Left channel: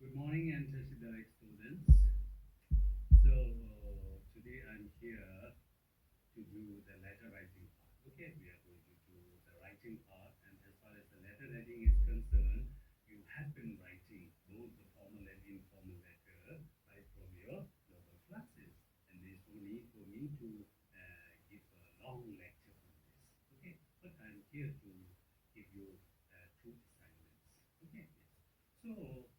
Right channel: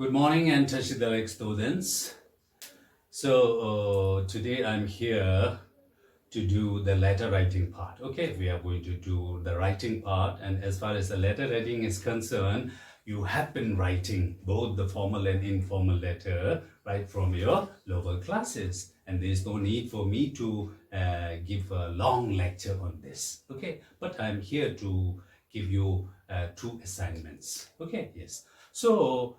Good morning and Tashidalek students. Today I'm here to do the letter writing part. Okay, we are going to do the writing part, and as far as the letter writing is concerned, you have been writing both the formal and informal letter right from your lower classes, and there is no need for me to give a long lecture on this. Okay, but I'm here to give you two assignments. Okay, yes. So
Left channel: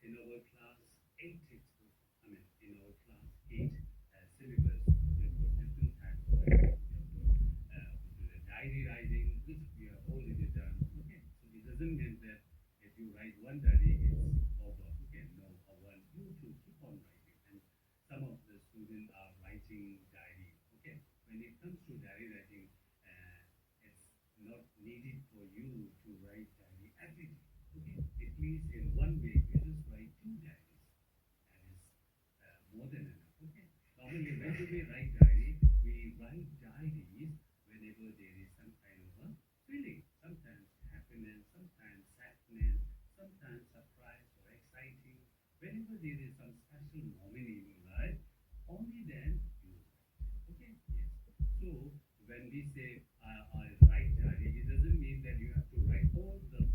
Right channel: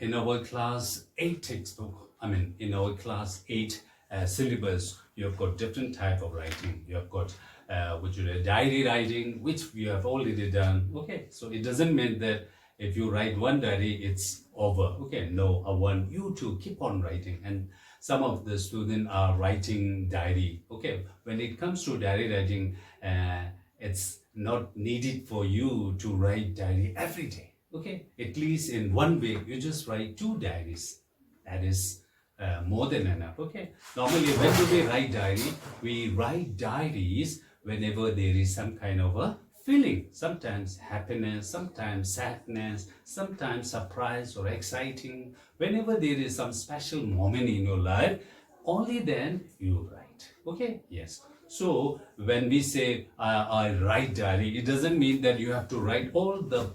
in our class 8 textbook, in our class 8 syllabus, you have got different type of writing. You have got which is diary writing, which we have already done. Okay, so it doesn't mean that if you write one diary, it's over. Okay, no, I want you to keep on writing. And some of the students are writing diary. Okay, when it comes to diary writing, it's not needed for you to write diary every day. Okay, at least in 1 week, you just write 2 diaries. That is more than enough. Okay, normally when do we write diary? We write diaries whenever there is some kind of a feeling, sometimes happiness, sometimes sadness, sometimes surprise or exciting. Whenever there is some special moment in your life, only then you write. Okay, yes. So when we say I write diary, it doesn't mean that you have to write all the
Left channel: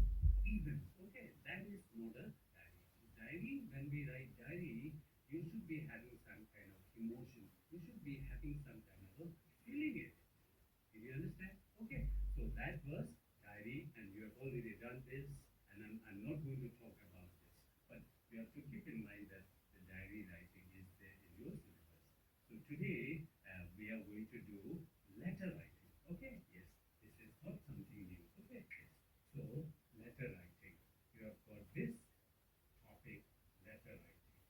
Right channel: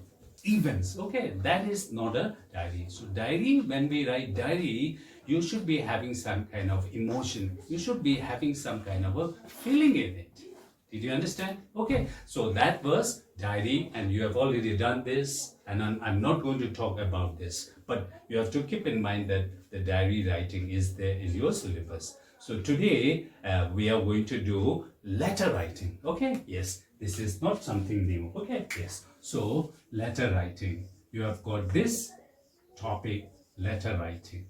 events. Okay, that is not a diary. So diary, when we write diary, you should be having some kind of emotion, you should be having some kind of a feeling in it. Did you understand? Okay, so that was diary, and you have already done this, and I'm not going to talk about this, but you have to keep in mind that the diary writing is there in your syllabus. So today we are going to do letter writing. Okay, yes, this is not something new. Okay, yes. So letter writing, you have got this topic, letter writing.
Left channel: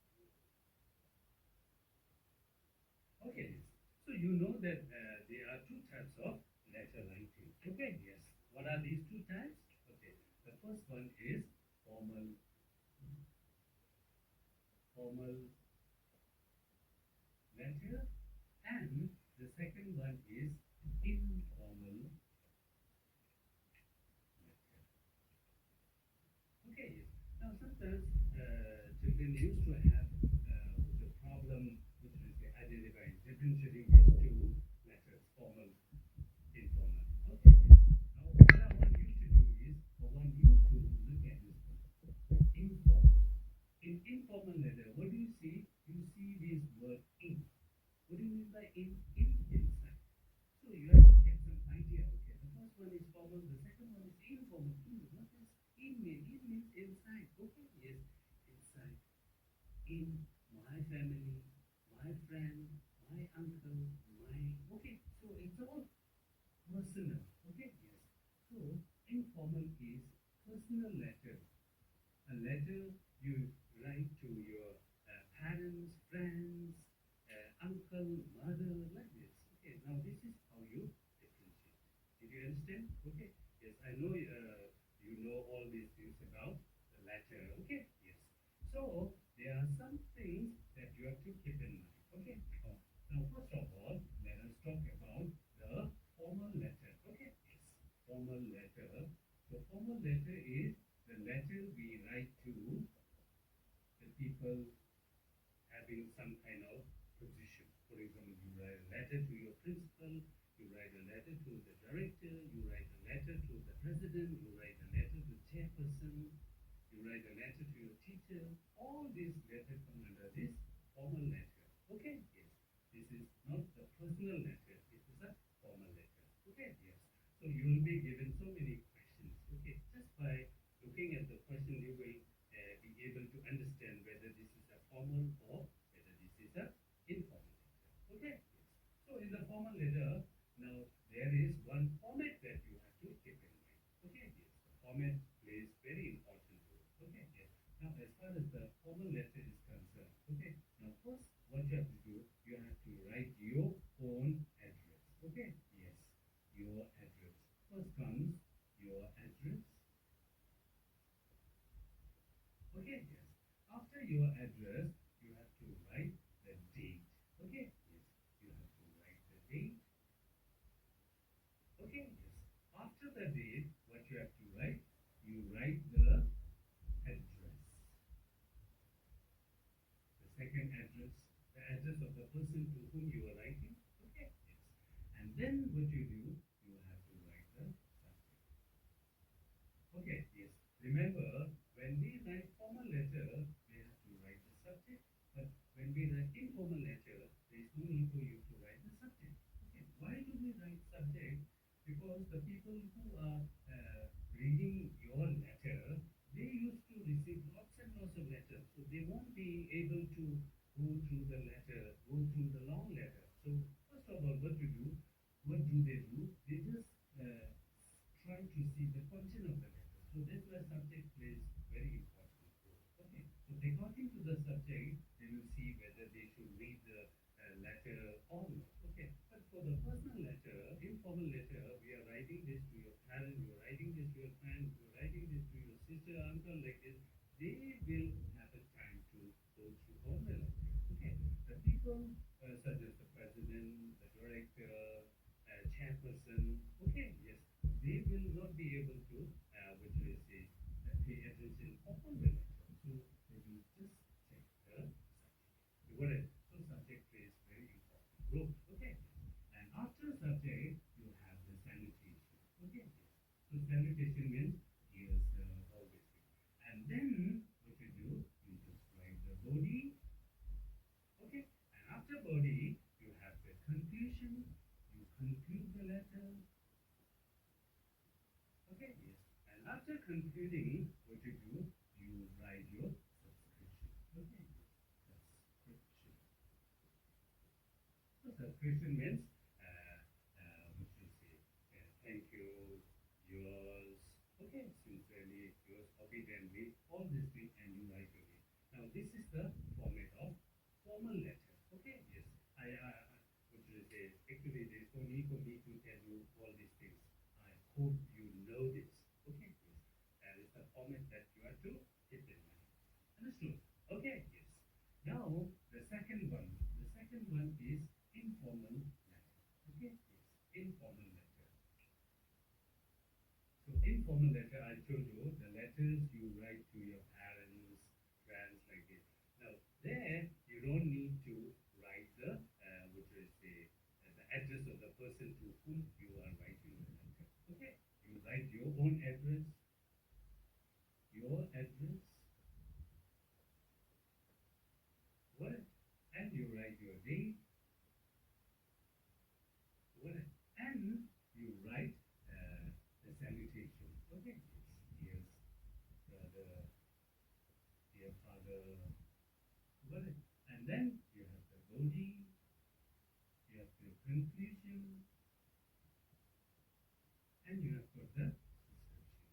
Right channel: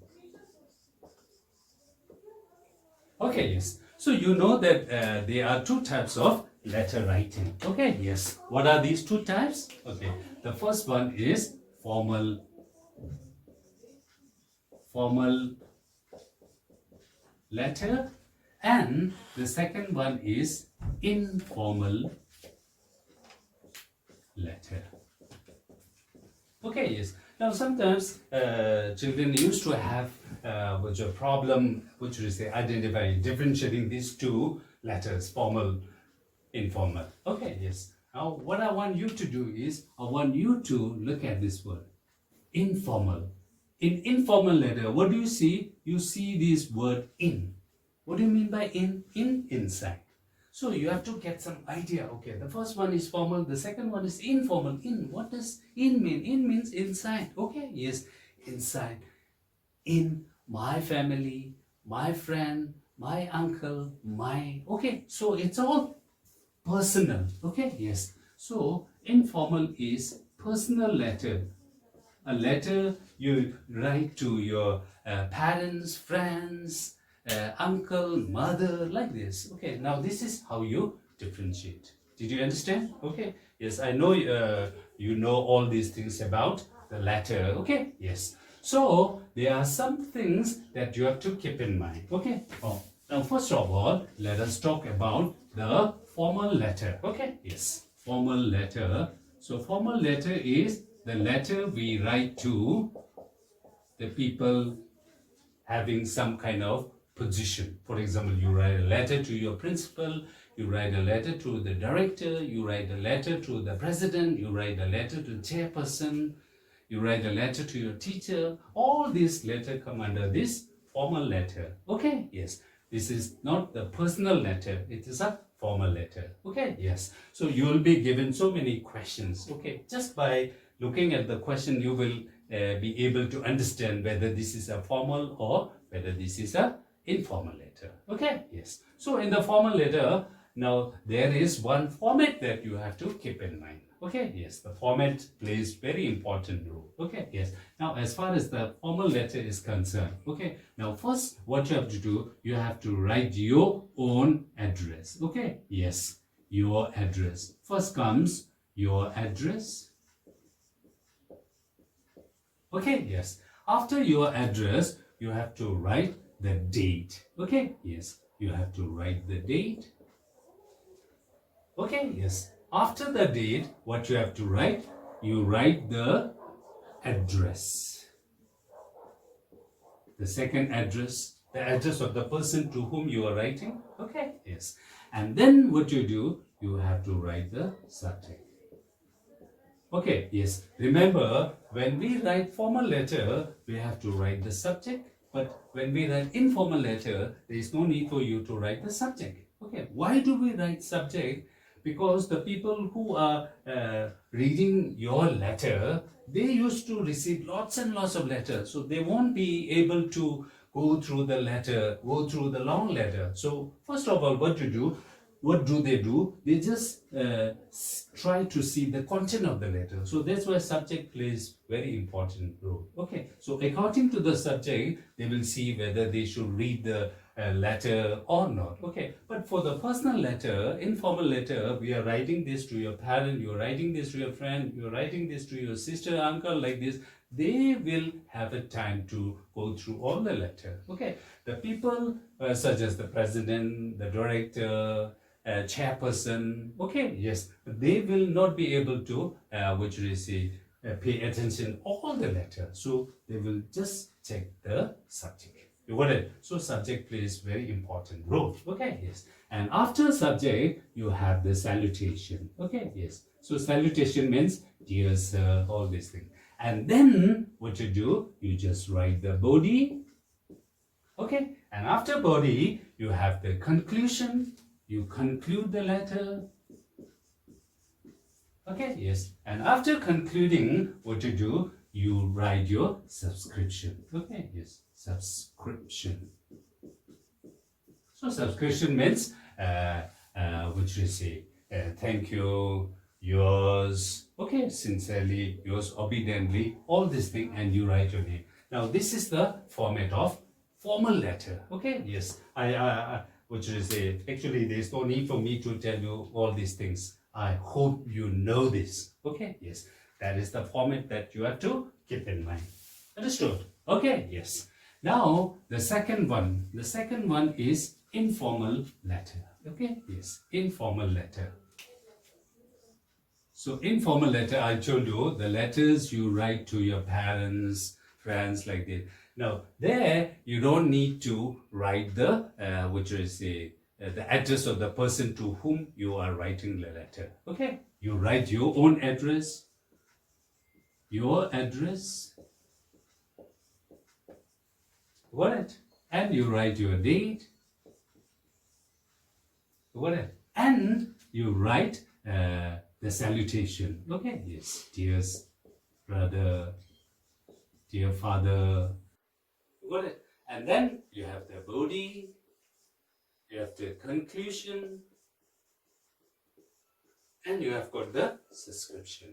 Okay, yes. So you know that there are 2 types of letter writing. Okay, yes. What are these 2 types? Okay, the first one is formal letter, and the second one is informal letter. Okay, yes. Now sometimes children used to have which a problem, which is identifying, differentiating these 2 letters, formal, informal. Okay, yes. Now what I want you to do is, I want you to look at this word, informal. In informal letter, what do you see? You see this word in. What do you mean by in? In, inside. So you have to get some idea. Okay, the first one is formal, the second one is informal. In, what does in mean? In means inside. Okay, yes, inside. In my family, my friend, my uncle, my. Okay, so it's all personal. Okay, yes. So informal is personal letter. A letter you write to your parents, friends, uncle, mother, like this. Okay, now this is how you differentiate. Did you understand? Okay, yes, I know you know all these things about the letter. Okay, yes. So there are some things that you have to keep in mind. Okay, now first of all, let us talk about the formal letter. Okay, yes, formal letter. So formal letter is the letter we write to the people having some kind of position. For example, you write a letter to your principal, you write a letter to the director, you write a letter to the president, you write a letter to the chairperson, you write a letter to your teacher. All these letters come under this formal letter. Okay, yes. This is not the personal letter, it is a formal letter. Okay, yes. So you will be given so many questions. Okay, just by looking at the question, you will be able to understand whether this is a formal or whether this is a informal letter. Okay, yes. So in the formal letter, now there is one format that you have to keep in mind. Okay, yes, the format plays very important role. Okay, yes. Now as far as the formal letter is concerned, okay, now first what you have to do, you have to write your own address. Okay, yes, your address. First comes your address. Okay, yes. After your address, you have to write the date. Okay, yes, you have to write the date. Okay, yes. After the date, what you have to write? You write the address. the second address, the address of the person to whom you are writing. Okay, yes. And then what you do, you have to write the subject. Okay, yes. Remember, when we write formal letter, we have to write the subject. But when we write informal letter, there is no need for you to write the subject. Okay, why do we write subject? Because the people who are reading your letter, they used to receive lots and lots of letters. So they won't be able to go through the letter, go through the long letter. So first of all, what you do, what do? They just try to see the content of the letter. So that's why subject plays very important role. Okay, so according to the subject, they will see whether they should read the letter or not. Okay, but for the personal letter, informal letter, we are writing this to your parent, you're writing this to your friend, you're writing this to your sister, uncle, like this. They will have a time to go through all the letter. Okay, the people such as the president, the director, chairperson, okay, yes, they will not be able to, which we say, pay attention all the letter. So they will just check the subject. You got it? So subject plays very important role. Okay, yes. And after subject, you have the salutation. Okay, yes. So salutation means dear sir, all these things. And then what you do, you just write the body. Okay, and after body, you have the conclusion. You conclude the letter. Okay, yes. And after concluding, what you do, you write your subscription. Okay, yes, subscription. So subscription means, which we say, thank you, yours, okay, sincerely, yours obediently, all this thing, and you write your name. Now, this is the format of formal letter. Okay, yes. Which is actually there's no need for me to tell you all these things. I hope you know this. Okay, yes. That is the format that you have to keep in mind. Understood? Okay, yes. Now, the second one. The second one is informal letter. Okay, yes. Informal letter. So, informal letter, I told you, the letters you write to your parents, friends, like this. Now, there you don't need to write the, which is the address of the person to whom you are writing the letter. Okay, you write your own address, got it? And you write your date, got it? And you write the salutation. Okay, yes, dear brother, dear father. Got it? And then you have the body, you have the conclusion, and you have got the subscription.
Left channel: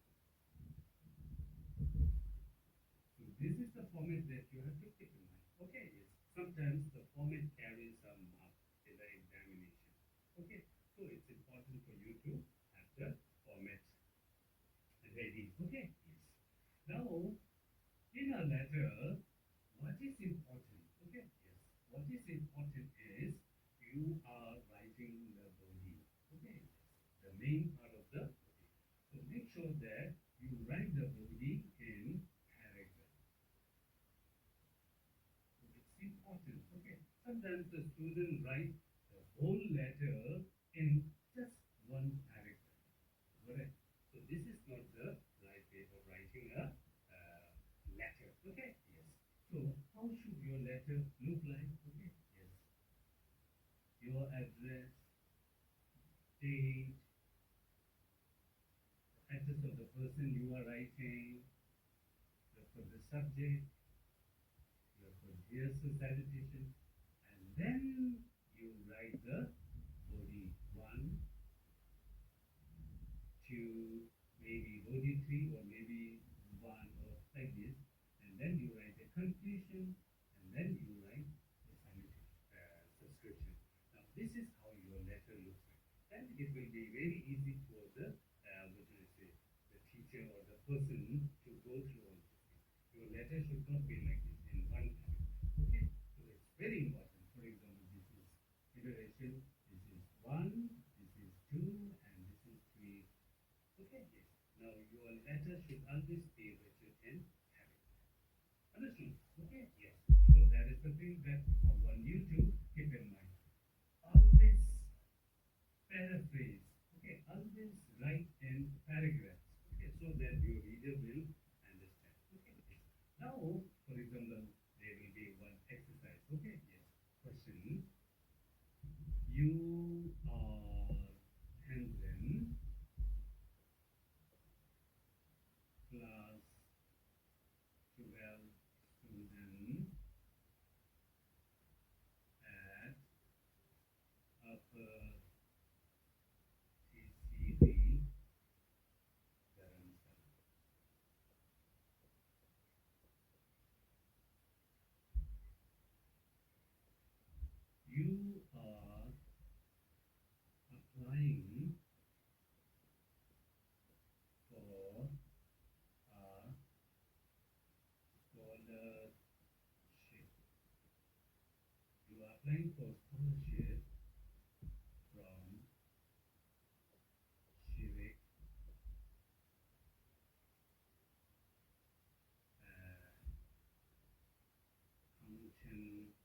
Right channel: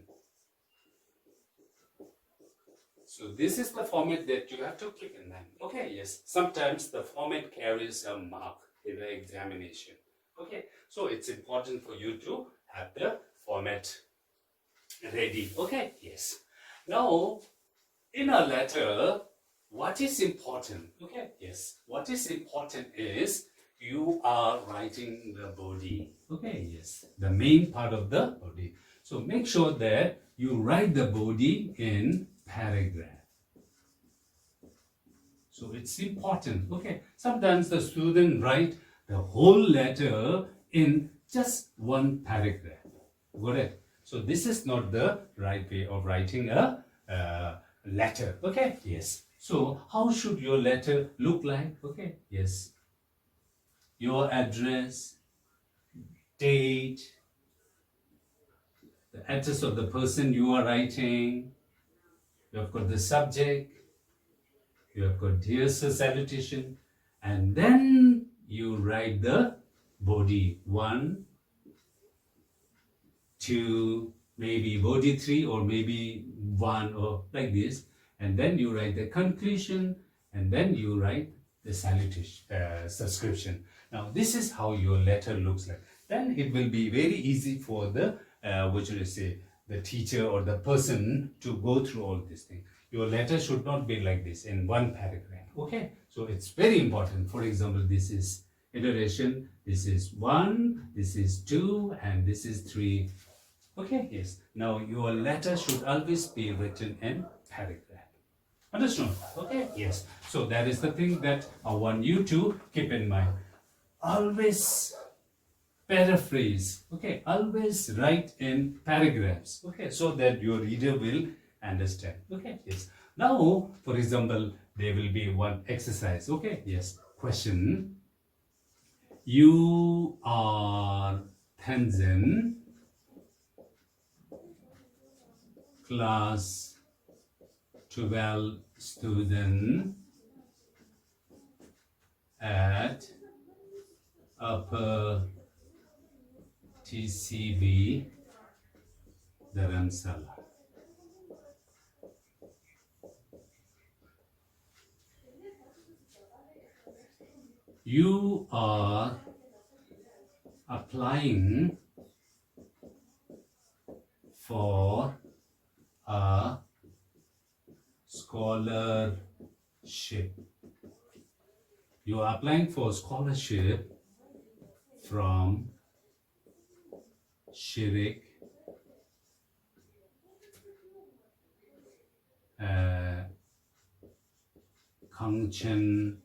So this is the format that you have to keep in mind. Okay, yes. Sometimes the format carries a mark in the examination. Okay, so it's important for you to have the format ready. Okay, yes. Now, in a letter, what is important? Okay, yes. What is important is you are writing the body. Okay, yes. The main part of the body. So make sure that you write the body in paragraph. So it's important. Okay. Sometimes the student write the whole letter in just one paragraph. Got it? So this is not the right way of writing a letter. Okay. Yes. So how should your letter look like? Okay, yes. Your address, date, the address of the person you are writing, you have got the subject, you have got dear sir salutation, and then you write the body 1, 2, maybe body 3 or maybe 1 or like this. And then you write the conclusion, and then you write the salutation, subscription. Now, this is how your letter looks like. Then it will be very easy for the, what should I say, the teacher or the person to go through all these things. Your letter should not be like this in one paragraph. Okay, so it's very important. For example, this is iteration, this is 1, this is 2, and this is 3. Okay, yes. Now, your letter should always be written in paragraph. Understood? Okay, yes. So that is the thing that I want you to keep in mind. Always paraphrase, okay, always write in paragraphs, okay, so that your reader will understand, okay, yes. Now, for example, there will be one exercise, okay, yes. Question: you are Tanzan, class 12 student at upper TCB Dharamsala. You are applying for a scholarship. You are applying for scholarship from Shirik Kangchen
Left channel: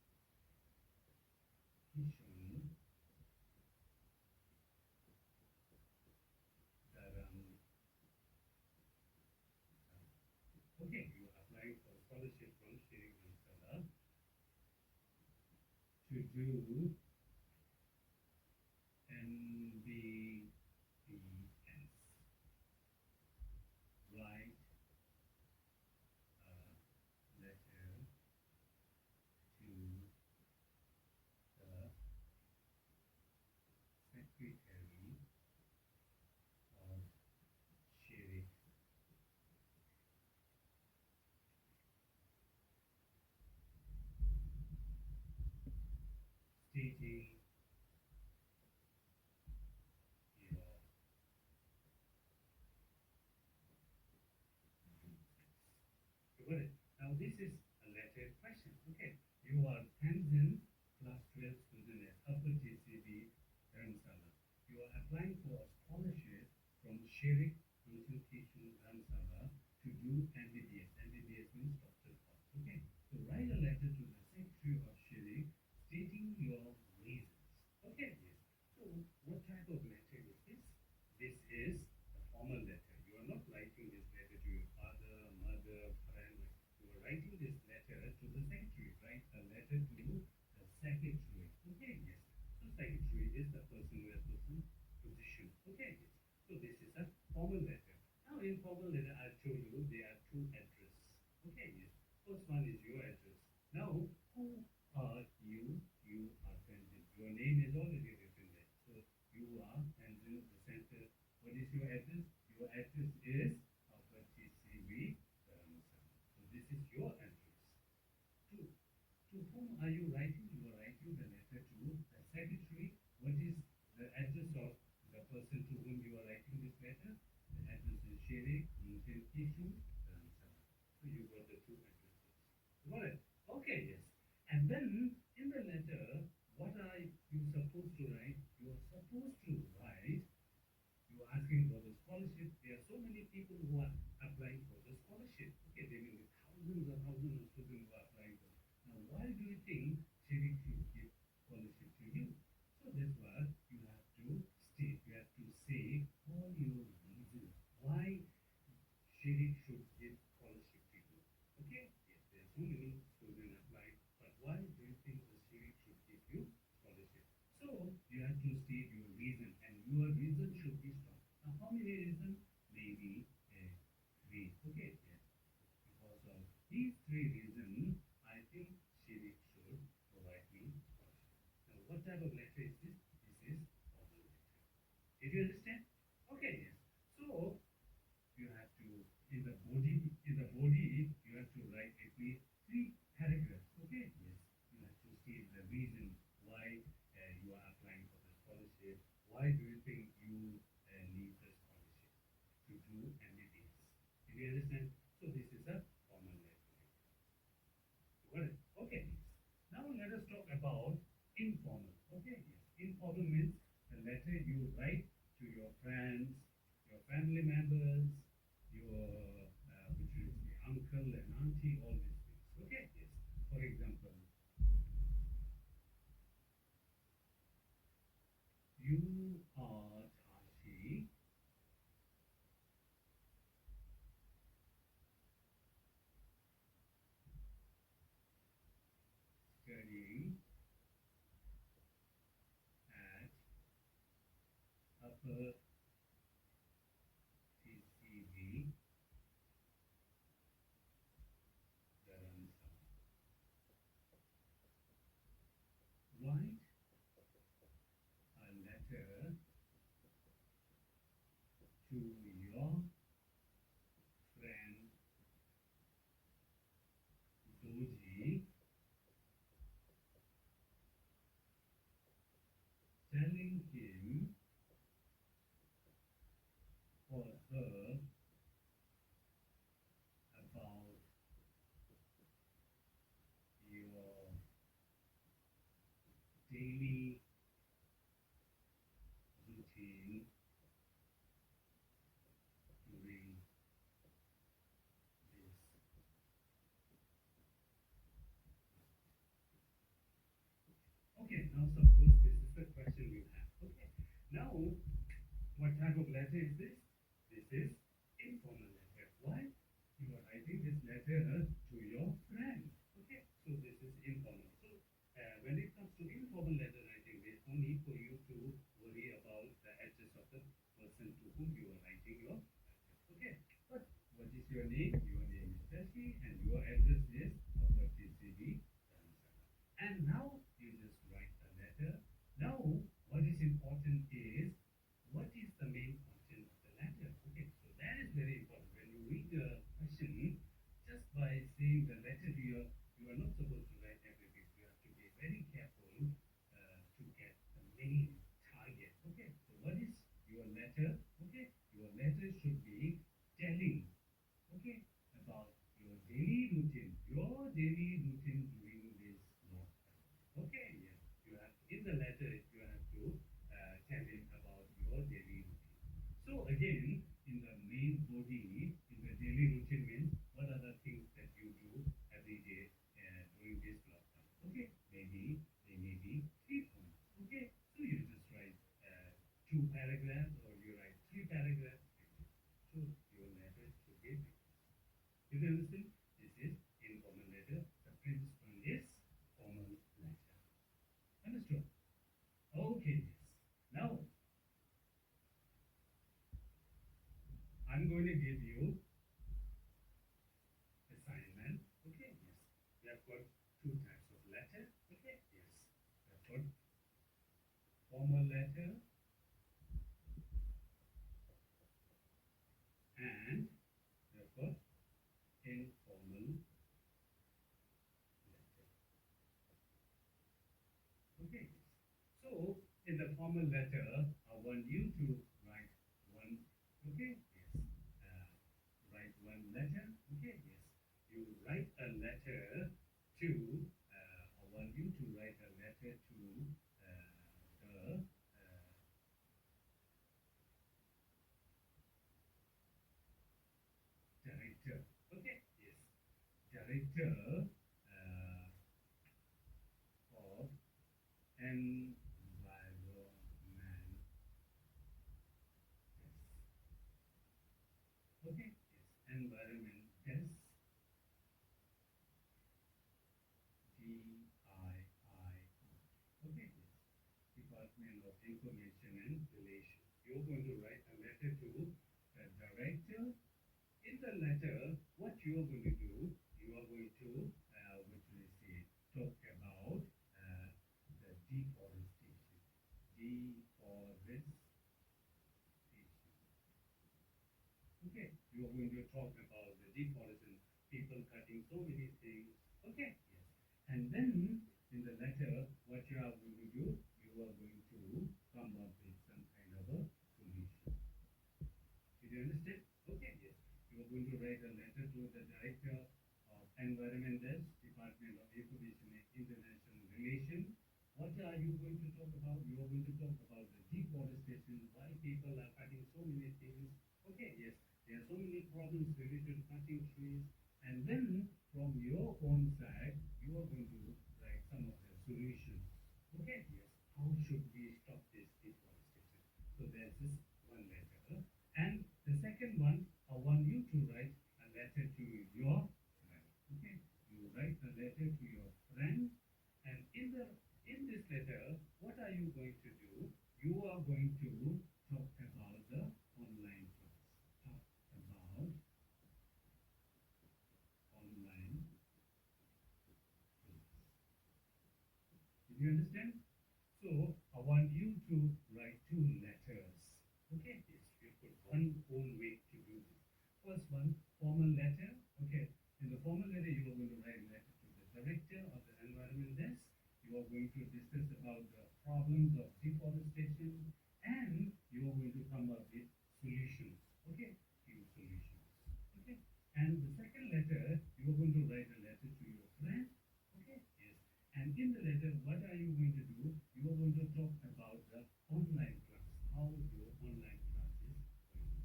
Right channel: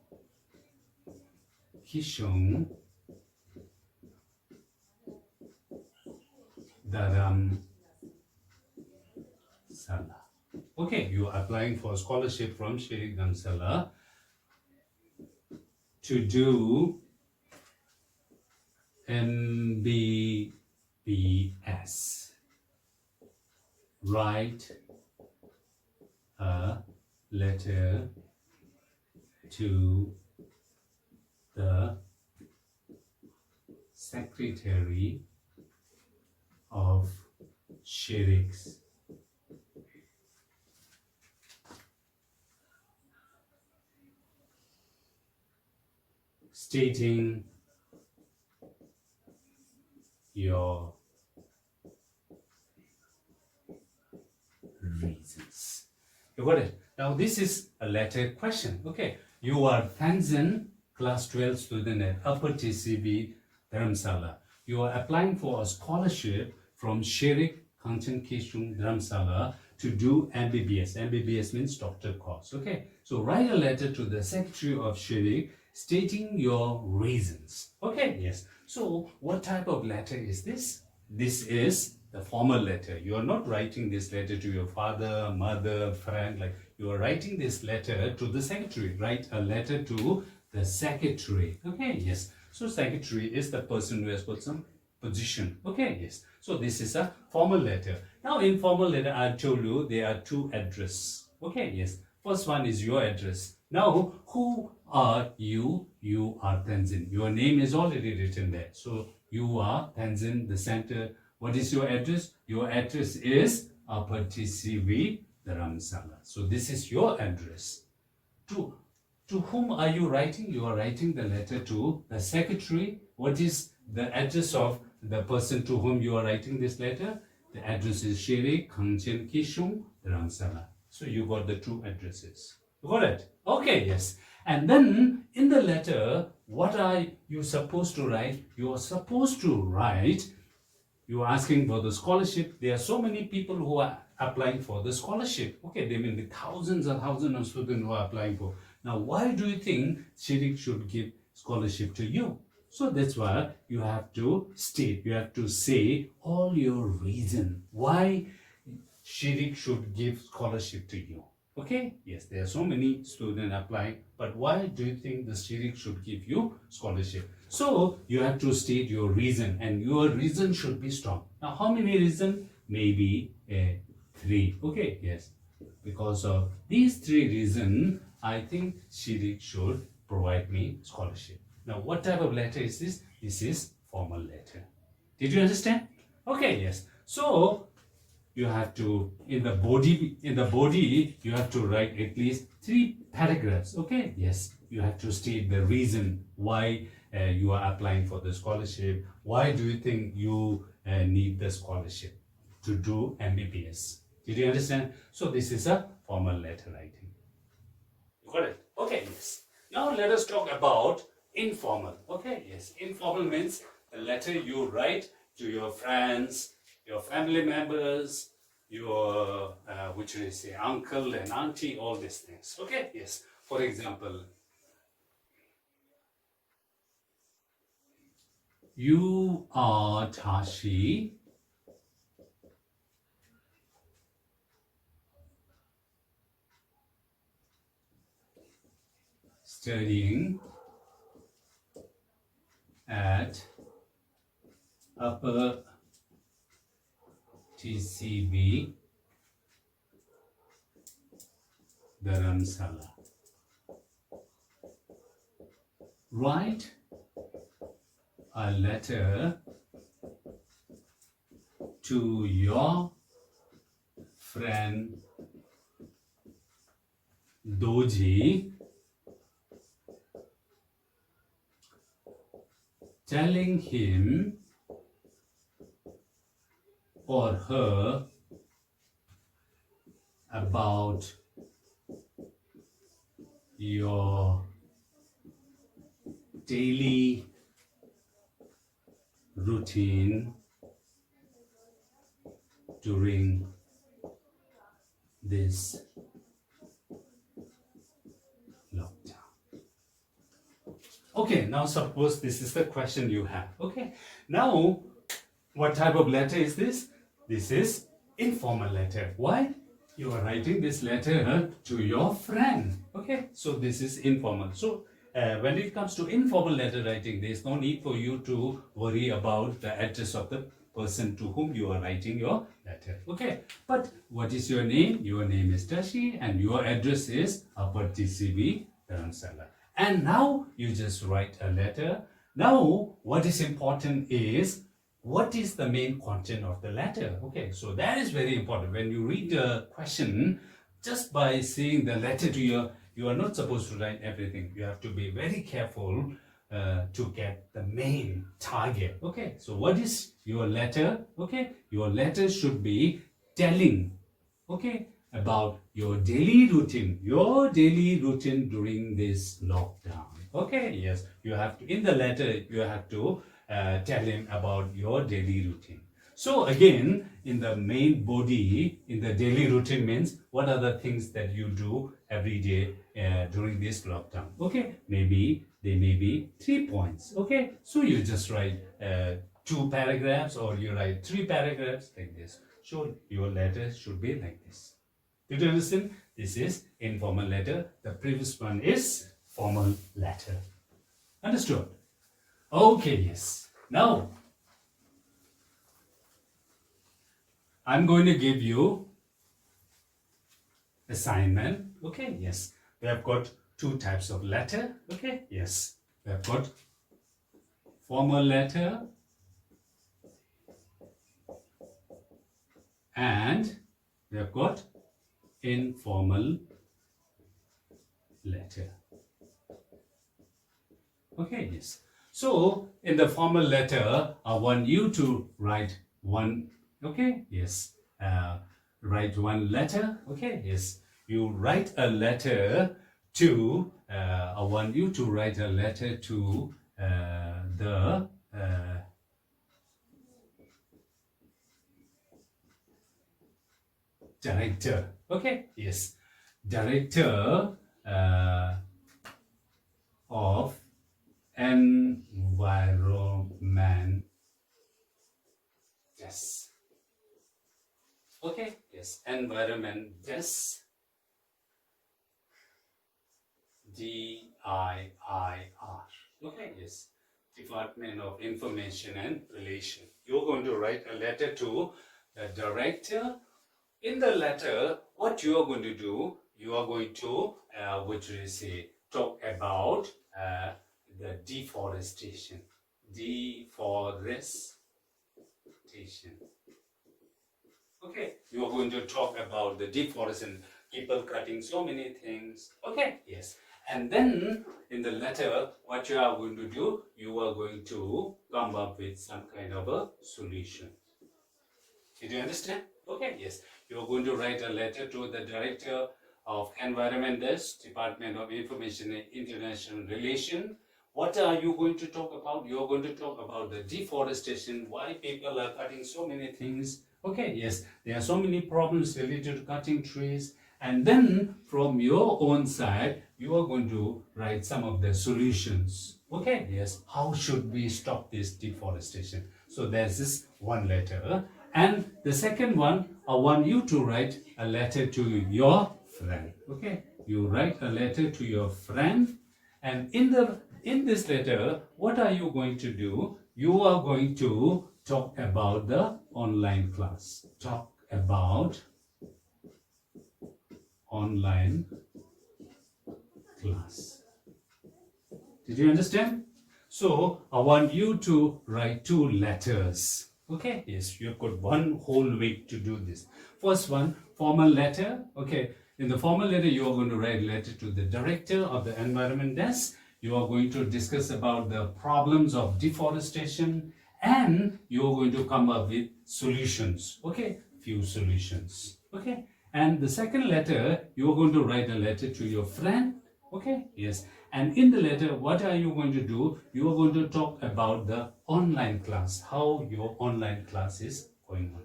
Kishung Dharam Sala. Okay, you are applying for scholarship from Shirik Dharamsala to do MBBS. Write a letter to the secretary of Shirik's stating your reasons. You got it? Now this is a letter question. Okay. You are Tanzan, class 12 student at Upper TCB Dharamsala. You are applying for a scholarship from Shirik Kangchen Kishung Dharamsala to do MBBS. MBBS means doctor course. Okay. So write a letter to the secretary of Shirik stating your reasons. Okay. Yes. So what type of letter is this? This is the formal letter. You are not writing this letter to your father, mother, friend. Like, you are writing this letter to the secretary. Write a letter to the secretary. Okay, yes. So secretary is the person who has got some position. Okay, yes. So this is a formal letter. Now in formal letter, I told you there are two addresses. Okay, yes. First one is your address. Now, who are you? You are Tanzan. Your name is already written there. So you are Tanzan, the center. What is your address? Your address is Upper TCB Dharamsala. So this is your address. To whom are you writing? You are writing the letter to the secretary. What is the address of the person to whom you are writing this letter? The address is Shere Kangchen Kishung Dharamsala. So you got the two addresses. You got it? Okay, yes. And then in the letter, what are you supposed to write? You are supposed to write, you are asking for the scholarship. There are so many people who are applying for the scholarship. Okay, there may be thousands and thousands of students who are applying for. Now, why do you think Shirik should give scholarship to you? So that's why you have to state, you have to say all your reason why Shirik should give scholarship to you. Okay, yes, there are so many students applying, but why do you think the Shirik should give you scholarship? So you have to state your reason, and your reason should be strong. Now, how many reasons? Maybe 3. Okay, yes. Because of these 3 reasons, I think Shirik should provide me scholarship. Now, what type of letter is this? This is formal letter. Did you understand? Okay, yes. So you have to, in the body you have to write at least 3 paragraphs. Okay, yes. You have to state the reason why you are applying for the scholarship. Why do you think you need the scholarship to do MBBS? Did you understand? So this is a formal letter writing. You got it? Okay, yes. Now let us talk about informal. Okay, yes. Informal means the letter you write to your friends, your family members, your, which is say uncle and auntie, all these things. Okay, yes. For example, you are Tashi studying at Upper TCB Dharamsala. Write a letter to your friend Doji telling him or her about your daily routine during this lockdown. Okay, now suppose this is the question you have. Okay, now what type of letter is this? This is informal letter. Why? You are writing this letter to your friend. Okay, so this is informal. So when it comes to informal letter writing, there is no need for you to worry about the address of the person to whom you are writing your letter. Okay, but what is your name? Your name is Tashi and your address is Upper TCB Dharamsala. And now you just write a letter. Now what is important is what is the main content of the letter. Okay, so that is very important. When you read the question, just by seeing the letter to you are not supposed to write everything. You have to be very careful to get the main target. Okay, so what is your letter? Okay, your letter should be telling, okay, about your daily routine during this lockdown. Okay, yes, you have to, in the letter you have to tell him about your daily routine. So again, in the main body, in the daily routine means what are the things that you do every day during this lockdown. Okay, maybe they may be 3 points. Okay, so you just write 2 paragraphs or you write 3 paragraphs like this. So your letter should be like this. Did you understand? This is informal letter. The previous one is formal letter. Understood? Okay, yes. Now, I'm going to give you assignment. Okay, yes. We have got 2 types of letter. Okay, yes. We have got formal letter and we have got informal letter. Okay, yes. So, in the formal letter, I want you to write one, okay, yes, write one letter, okay, yes. You write a letter to, I want you to write a letter to the director, okay, yes, director of environment. Yes. Okay. Yes. Environment. Yes. DIIR. Okay. Yes. Department of Information and Relation. You're going to write a letter to the director. In the letter, what you are going to do, you are going to, which is say, talk about the deforestation. Deforestation. Okay, you are going to talk about the deforestation, people cutting so many things. Okay, yes. And then in the letter, what you are going to do, you are going to come up with some kind of a solution. Did you understand? Okay, yes. You are going to write a letter to the Director of Environment, this Department of Information and International Relation. What are you going to talk about? You are going to talk about the deforestation, why people are cutting so many things. Okay, yes, there are so many problems related to cutting trees, and then from your own side, you are going to write some of the solutions. Okay, yes, how should we stop this deforestation? So there's this one letter, and the second one, I want you to write a letter to your friend. Okay, you write a letter to your friend, and in this letter, what are you going to do? You are going to talk about the online class. Talk about online class. Did you understand? So I want you to write 2 letters. Okay, yes, you've got one whole week to do this. First one, formal letter. Okay, in the formal letter, you are going to write a letter to the director of the environment desk. You are going to discuss about the problems of deforestation, and you are going to come up with solutions. Okay, few solutions. Okay, and the second letter, you are going to write a letter to your friend. Okay, yes, and in the letter, what are you going to do? You are going to talk about the online class, how your online class is going on.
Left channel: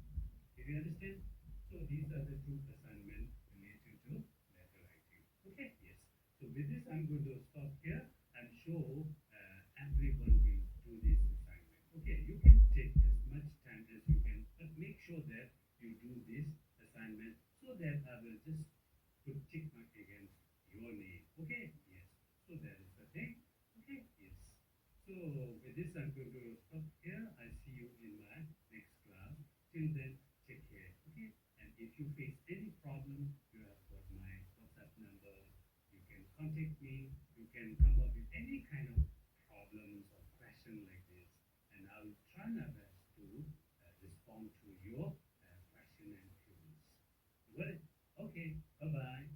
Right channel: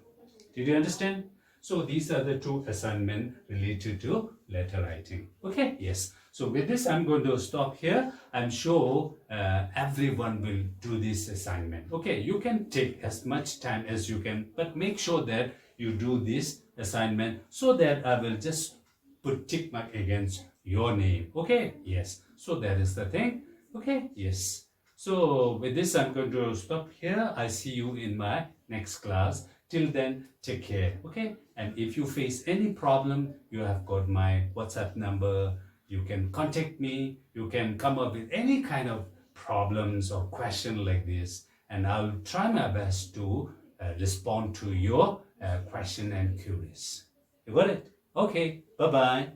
Did you understand? So these are the 2 assignments related to letter writing. Okay, yes. So with this, I'm going to stop here. I'm sure everyone will do this assignment. Okay, you can take as much time as you can, but make sure that you do this assignment so that I will just put tick mark against your name. Okay, yes. So that is the thing. Okay, yes. So with this, I'm going to stop here. I see you in my next class. Till then, take care. Okay, and if you face any problem, you have got my WhatsApp number. You can contact me. You can come up with any kind of problems or question like this, and I'll try my best to respond to your question and queries. You got it? Okay, bye bye.